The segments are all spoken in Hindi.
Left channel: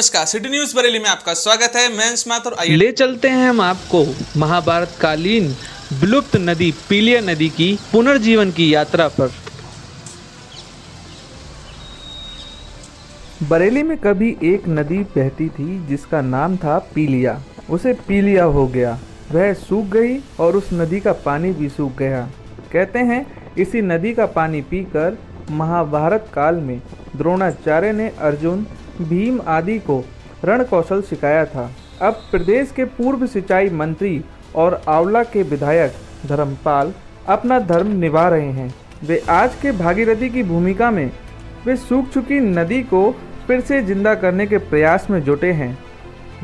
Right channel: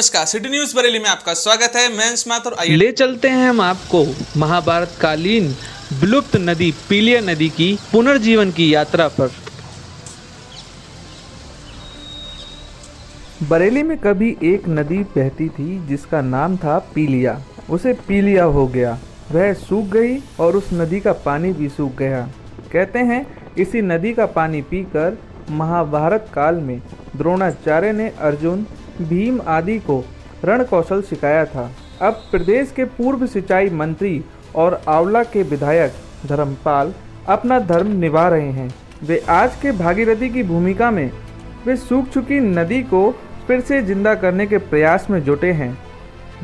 नमस्कार, सिटी न्यूज बरेली में आपका स्वागत है। मैं स्मार्ट और आइए ले चलते हैं हम आपको महाभारत कालीन विलुप्त नदी पीलिया नदी की पुनर्जीवन की यात्रा पर। बरेली में कभी एक नदी बहती थी जिसका नाम था पीलिया। उसे पीलिया हो गया, वह सूख गई और उस नदी का पानी भी सूख गया। कहते हैं इसी नदी का पानी पीकर महाभारत काल में द्रोणाचार्य ने अर्जुन, भीम आदि को रण कौशल सिखाया था। अब प्रदेश के पूर्व सिंचाई मंत्री और आंवला के विधायक धर्मपाल अपना धर्म निभा रहे हैं। वे आज के भागीरथी की भूमिका में वे सूख चुकी नदी को फिर से जिंदा करने के प्रयास में जुटे हैं।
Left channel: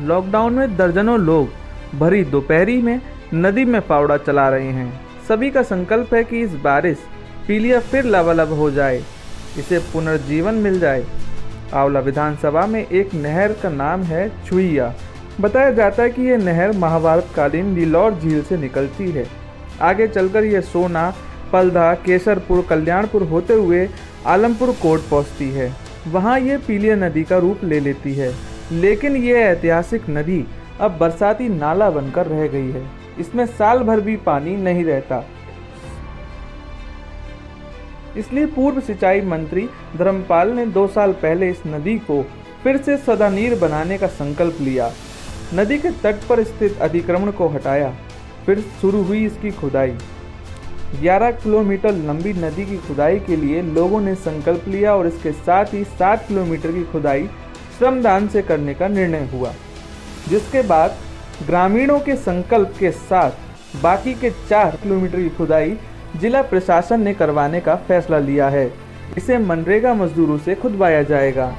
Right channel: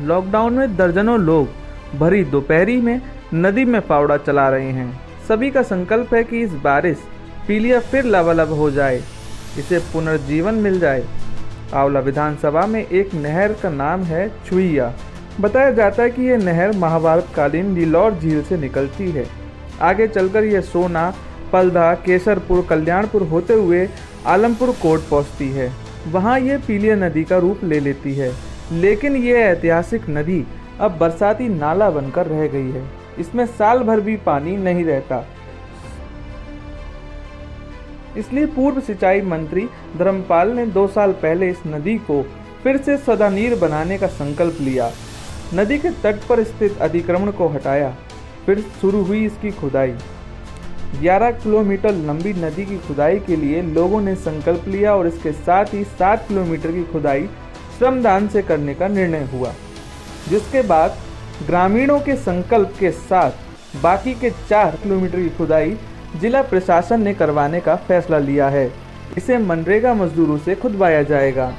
लॉकडाउन में दर्जनों लोग भरी दोपहरी में नदी में फावड़ा चला रहे हैं। सभी का संकल्प है कि इस बारिश पीलिया फिर लबालब हो जाए, इसे पुनर्जीवन मिल जाए। आंवला विधानसभा में एक नहर का नाम है छुईया। बताया जाता है कि यह नहर महाभारत कालीन लीलौर झील से निकलती है। आगे चलकर यह सोना, पलधा, केसरपुर, कल्याणपुर होते हुए आलमपुर कोट पहुंचती है। वहां यह पीलिया नदी का रूप ले लेती है, लेकिन यह ऐतिहासिक नदी अब बरसाती नाला बनकर रह गई है। इसमें साल भर भी पानी नहीं रहता। इसलिए पूर्व सिंचाई मंत्री धर्मपाल ने 2 साल पहले इस नदी को फिर से सदानीर बनाने का संकल्प लिया। नदी के तट पर स्थित अतिक्रमण को हटाया, फिर शुरू हुई इसकी खुदाई। 11 किलोमीटर लंबी नदी की खुदाई के लिए लोगों ने संकल्प लिया और इसके साथ ही 7 किलोमीटर की खुदाई श्रमदान से करने का निर्णय हुआ, जिसके बाद ग्रामीणों के संकल्प के साथ बाकी के 4 किलोमीटर की खुदाई जिला प्रशासन ने करवाने का फैसला लिया है। इसे मनरेगा मजदूरों से खुदवाया जाएगा।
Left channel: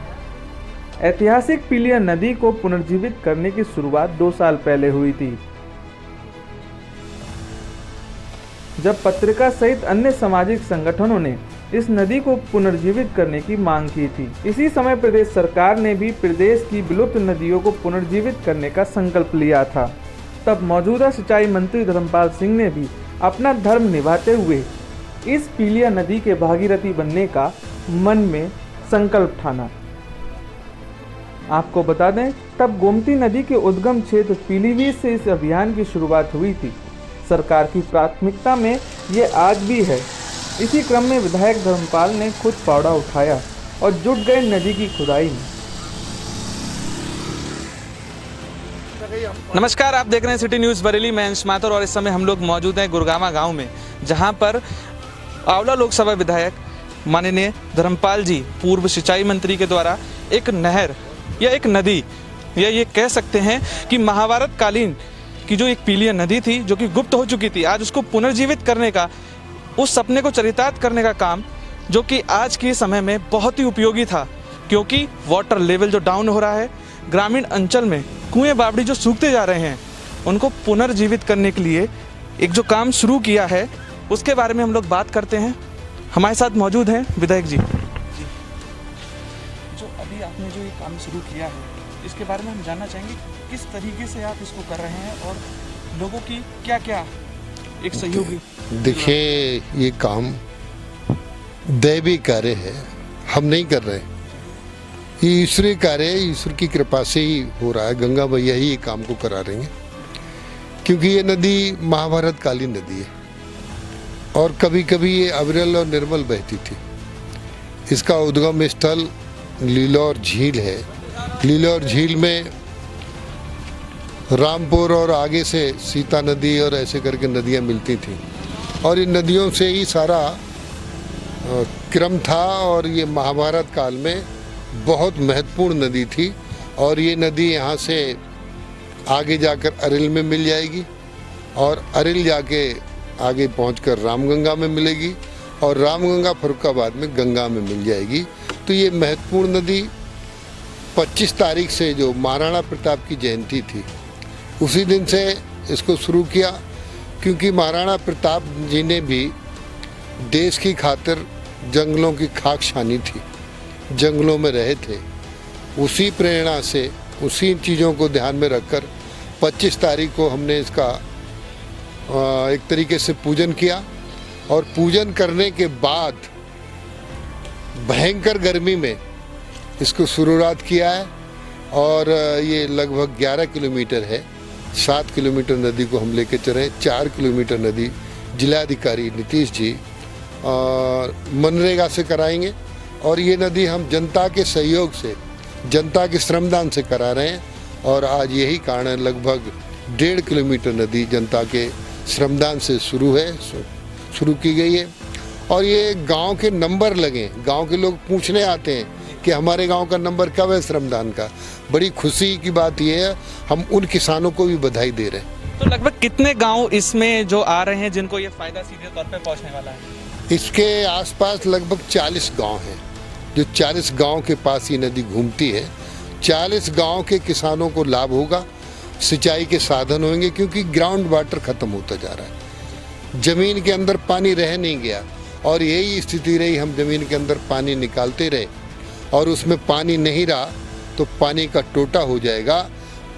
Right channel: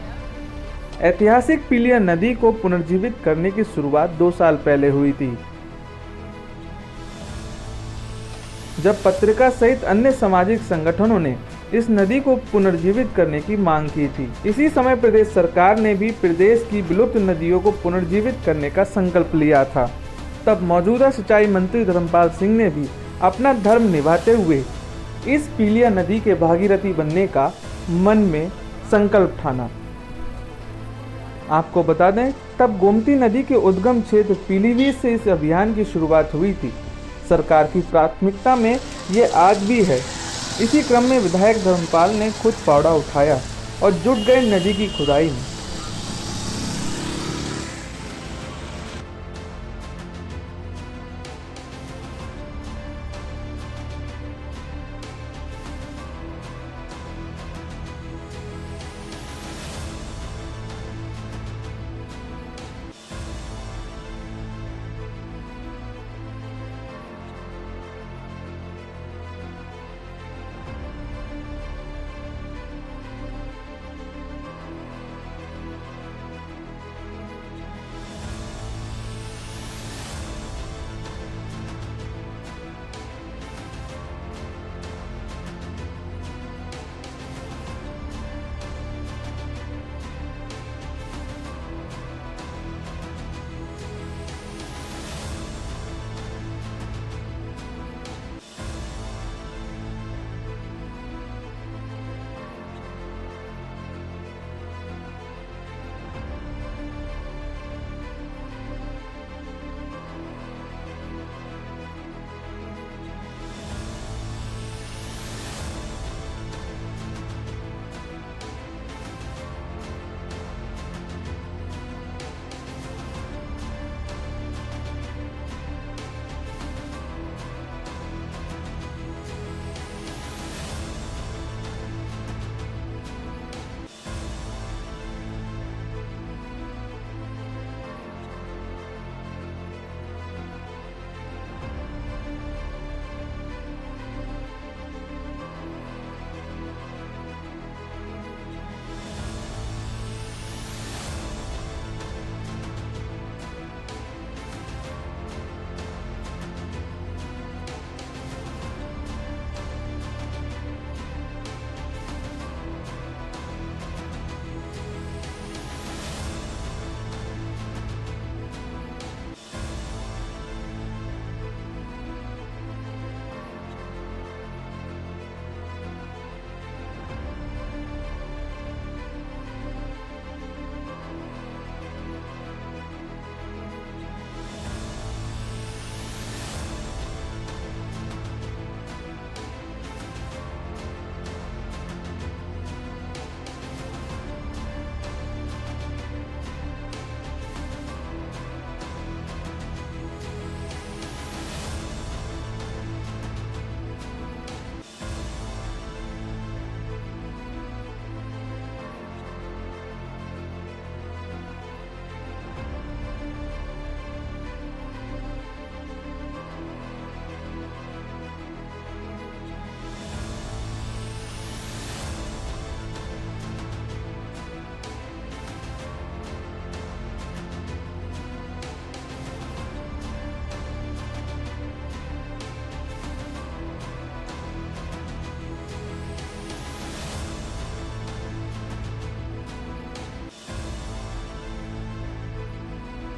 ऐतिहासिक पीलिया नदी को पुनर्जीवित करने की शुरुआत 2 साल पहले हुई थी, जब पत्रिका सहित अन्य सामाजिक संगठनों ने इस नदी को पुनर्जीवित करने की मांग की थी। इसी समय प्रदेश सरकार ने भी प्रदेश की विलुप्त नदियों को पुनर्जीवित करने का संकल्प लिया था। तब मौजूदा सिंचाई मंत्री धर्मपाल सिंह ने भी अपना धर्म निभाते हुए इस पीलिया नदी के भागीरथी बनने का मन में संकल्प ठाना। आपको बता दें, तब गोमती नदी के उद्गम क्षेत्र पीलीभीत से इस अभियान की शुरुआत हुई थी। सरकार की प्राथमिकता में ये आज भी है। इसी क्रम में विधायक धर्मपाल ने खुद फावड़ा उठाया और जुट गए नदी की खुदाई में। नमस्कार, आप देख रहे हैं सिटी न्यूज बरेली। मैं स्मार्ट और इस समय हम लोग मौजूद हैं गुरगामा गांव में, जहां पर आंवला लोकसभा विधायक माननीय धर्मपाल जी पूर्व सिंचाई मंत्री के द्वारा एक नहर या एक नदी या ये कह सकते हैं कि महाभारत कालीन की जो एक पीलिया नदी थी जो कि गुप्त हो चुकी थी, आज उसको पुनर्जीवित करने का, उस सपने को चरितार्थ करने का काम जो कि आज के समय में बहुत ही उपयोगी था, क्योंकि वाटर लेवल जो डाउन हो रहा है, ग्रामीण अंचल में कुएं बावड़ी जो सूखते जा रहे हैं, उनको पुनर्जीवित करने के लिए एक जो काम शुरू किया है उसके बारे में हम लोग बात करते हैं। हमारे साथ मौजूद हैं विधायक जी। जो अभी आपने जो ये काम शुरू किया है, इसके बारे में हम जानना चाहेंगे किस तरीके से आप इसको कर रहे हैं और लोगों की क्या क्या एक सहयोगी। देखिए, ये काम दैवी कार्य है, हम नहीं कर रहे। ये ईश्वरीय कार्य है, ईश्वर की कृपा से ही हो रहा है। गंगा मैया ही ये काम को करा रही हैं, क्योंकि ये नदी महाभारत कालीन नदी है और कभी कभी ये अविरल और निर्मल बहती थी। इसका उद्गम स्थल लीलौर झील है। लीलौर झील में रामपुर और आगे से सीता नदी और ऐसे करके नदियाँ मिलती थी और इन नदियों से ही सारा क्रम था और ये महाभारत काल में बहुत महत्वपूर्ण नदी थी। और ये नदी यहाँ से आगे जाकर अरिल में मिल जाएगी और अरिल जाके आगे पहुंचकर रामगंगा में मिलेगी और रामगंगा फर्रुखाबाद में गंगा में मिल जाएगी। तो ये महत्वपूर्ण नदी 25 तारीख से जो महाराणा प्रताप की जयंती थी, उसी दिन से इसको शुरू किया, क्योंकि महाराणा प्रताप जी ने भी देश की खातिर जंगलों की खाक छानी थी, जंगलों में रहे थे। उसी प्रेरणा से, उसी चीज़ों को ध्यान में रखकर 25 तारीख को हमने इसका एक तरीके से पूजन किया और पूजन करने के बाद भयंकर गर्मी में इसको शुरुआत किया है और ये लगभग 11 किलोमीटर है। 7 किलोमीटर नदी को हम लेके चले, 4 किलोमीटर नदी जिलाधिकारी नीतीश जी और मनरेगा से कराएंगे और ये नदी हम जनता के सहयोग से, जनता के श्रमदान से करा रहे हैं और आज यही कारण है लगभग 1.5 किलोमीटर नदी जनता के श्रमदान से शुरू की गई है। और ये गांव के नंबर लगे, गांव के लोग पूछने आते हैं कि हमारे गांव का नंबर कब है श्रमदान का। बड़ी खुशी की बात यह है, हम उन किसानों को भी बधाई दे रहे हैं। तो लगभग कितने गांव इसमें जो आ रहे हैं जिनको ये फायदा सीधे तौर पे पहुंचने वाला है? इसके आसपास लगभग 40 गांव हैं, जो 40 गांव के पास ये नदी घूमती है। 40 गांव के किसानों को लाभ होगा, सिंचाई के साधन होंगे, क्योंकि ग्राउंड वाटर खत्म होता जा रहा है, जमीन के अंदर पानी रह नहीं गया और यही स्थिति रही। हम जमीन के अंदर पानी निकालते रहे और उसमें पानी नहीं रहा तो पानी का टोटा हो जाएगा।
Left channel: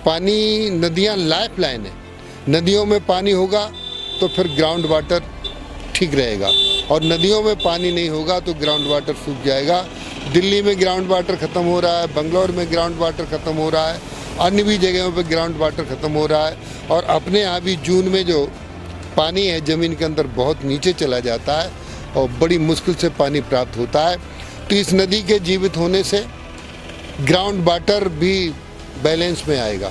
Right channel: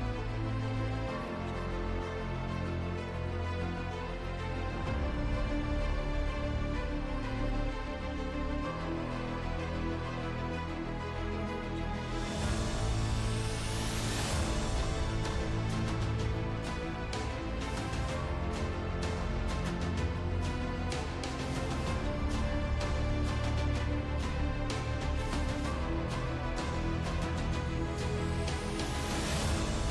पानी, नदियाँ लाइफ लाइन है, नदियों में पानी होगा तो फिर ग्राउंड वाटर ठीक रहेगा और नदियों में पानी नहीं होगा तो ग्राउंड वाटर सूख जाएगा। दिल्ली में ग्राउंड वाटर ख़त्म हो रहा है, बंगलौर में ग्राउंड वाटर ख़त्म हो रहा है, अन्य भी जगहों पे ग्राउंड वाटर ख़त्म हो रहा है और अपने यहाँ भी जून में जो पानी है ज़मीन के अंदर बहुत नीचे चला जाता है और बड़ी मुश्किल से पानी प्राप्त होता है। तो इस नदी के जीवित होने से ग्राउंड वाटर भी बैलेंस में आएगा,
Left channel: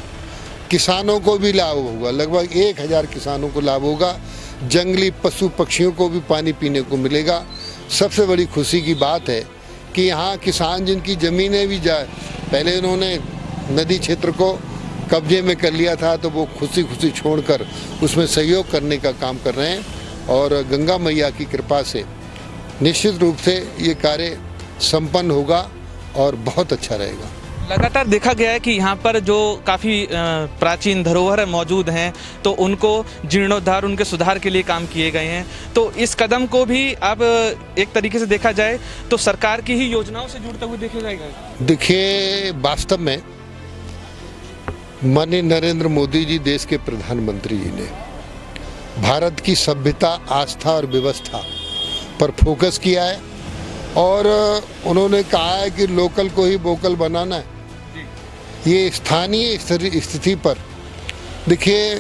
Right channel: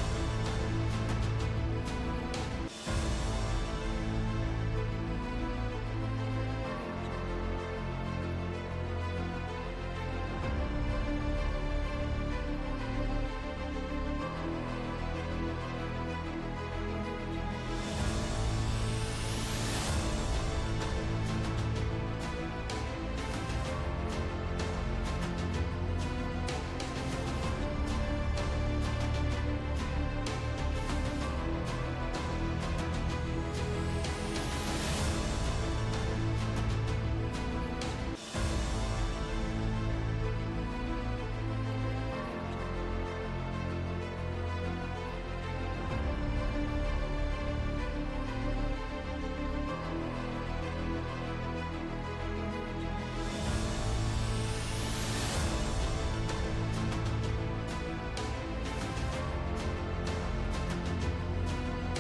किसानों को भी लाभ होगा, लगभग 1000 किसानों को लाभ होगा, जंगली पशु पक्षियों को भी पानी पीने को मिलेगा। सबसे बड़ी खुशी की बात है कि यहाँ किसान जिनकी ज़मीनें भी जाए, पहले उन्होंने नदी क्षेत्र को कब्जे में कर लिया था तो वो खुशी खुशी छोड़कर उसमें सहयोग करने का काम कर रहे हैं और गंगा मैया की कृपा से निश्चित रूप से ये कार्य संपन्न होगा और बहुत अच्छा रहेगा। लगातार देखा गया है कि यहाँ पर जो काफ़ी प्राचीन धरोहर मौजूद हैं तो उनको जीर्णोद्धार, उनके सुधार के लिए काम किए गए हैं। तो इस कदम को भी अब एक तरीके से देखा जाए तो सरकार की ही योजनाओं से जुड़ते हुए देखा जाएगा। देखिए, वास्तव में माननीय नरेंद्र मोदी जी, देश के प्रधानमंत्री जी ने भारत की सभ्यता, आस्था और व्यवस्था पर फोकस किया है और उन्होंने कहा है कि लोकल को ही वोकल बनाना है। ये स्थानीय स्थिति पर देखिए,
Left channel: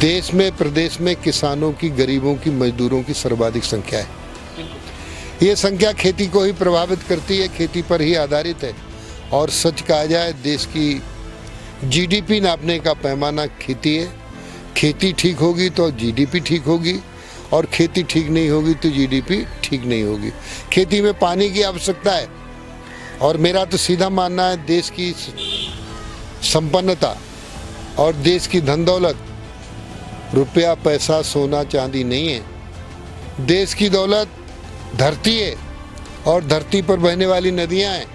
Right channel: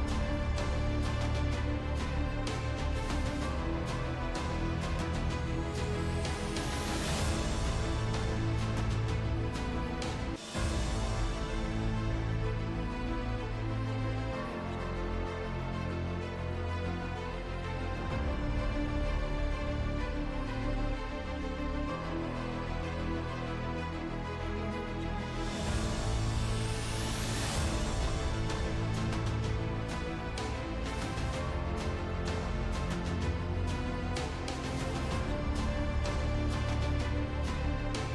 देश में, प्रदेश में किसानों की, गरीबों की, मजदूरों की सर्वाधिक संख्या है। ये संख्या खेती को ही प्रभावित करती है, खेती पर ही आधारित है और सच कहा जाए देश की जीडीपी नापने का पैमाना खेती है। खेती ठीक होगी तो जीडीपी ठीक होगी और खेती ठीक नहीं होगी तो जीडीपी ठीक नहीं होगी। खेती में पानी की आवश्यकता है और मेरा तो सीधा मानना है देश की संपन्नता और देश की धन दौलत रुपया, पैसा, सोना, चांदी नहीं है। देश की दौलत धरती है और धरती पर बहने वाली नदियां हैं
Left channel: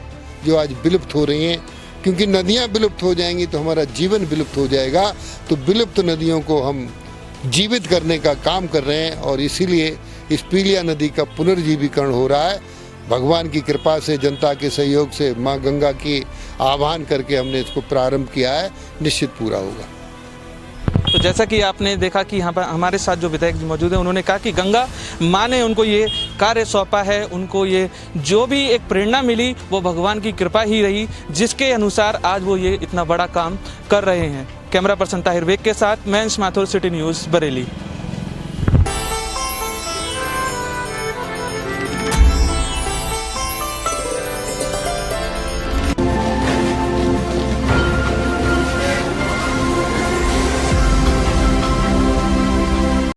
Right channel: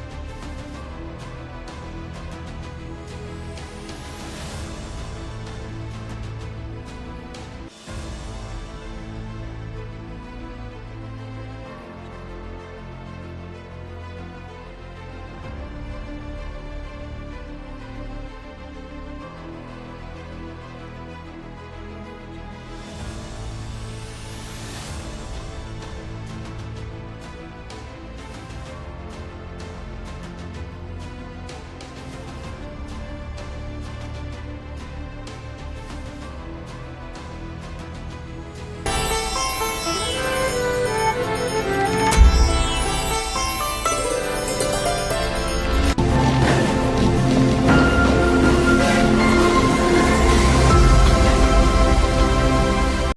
जो आज विलुप्त हो रही हैं, क्योंकि नदियां विलुप्त हो जाएंगी तो हमारा जीवन विलुप्त हो जाएगा। तो विलुप्त नदियों को हम जीवित करने का काम कर रहे हैं और इसीलिए इस पीलिया नदी का पुनर्जीवीकरण हो रहा है। भगवान की कृपा से, जनता के सहयोग से, माँ गंगा की आह्वान करके हमने इसको प्रारंभ किया है, निश्चित पूरा होगा। तो जैसा कि आपने देखा कि यहाँ पर हमारे साथ जो विधायक मौजूद हैं, उन्होंने कहा कि गंगा माँ ने उनको ये कार्य सौंपा है, उनको ये जो भी एक प्रेरणा मिली वो भगवान की कृपा ही रही, जिसके अनुसार आज वो ये इतना बड़ा काम कर रहे हैं। कैमरा पर्सन ताहिर बेग के साथ मैं माथुर, सिटी न्यूज़, बरेली।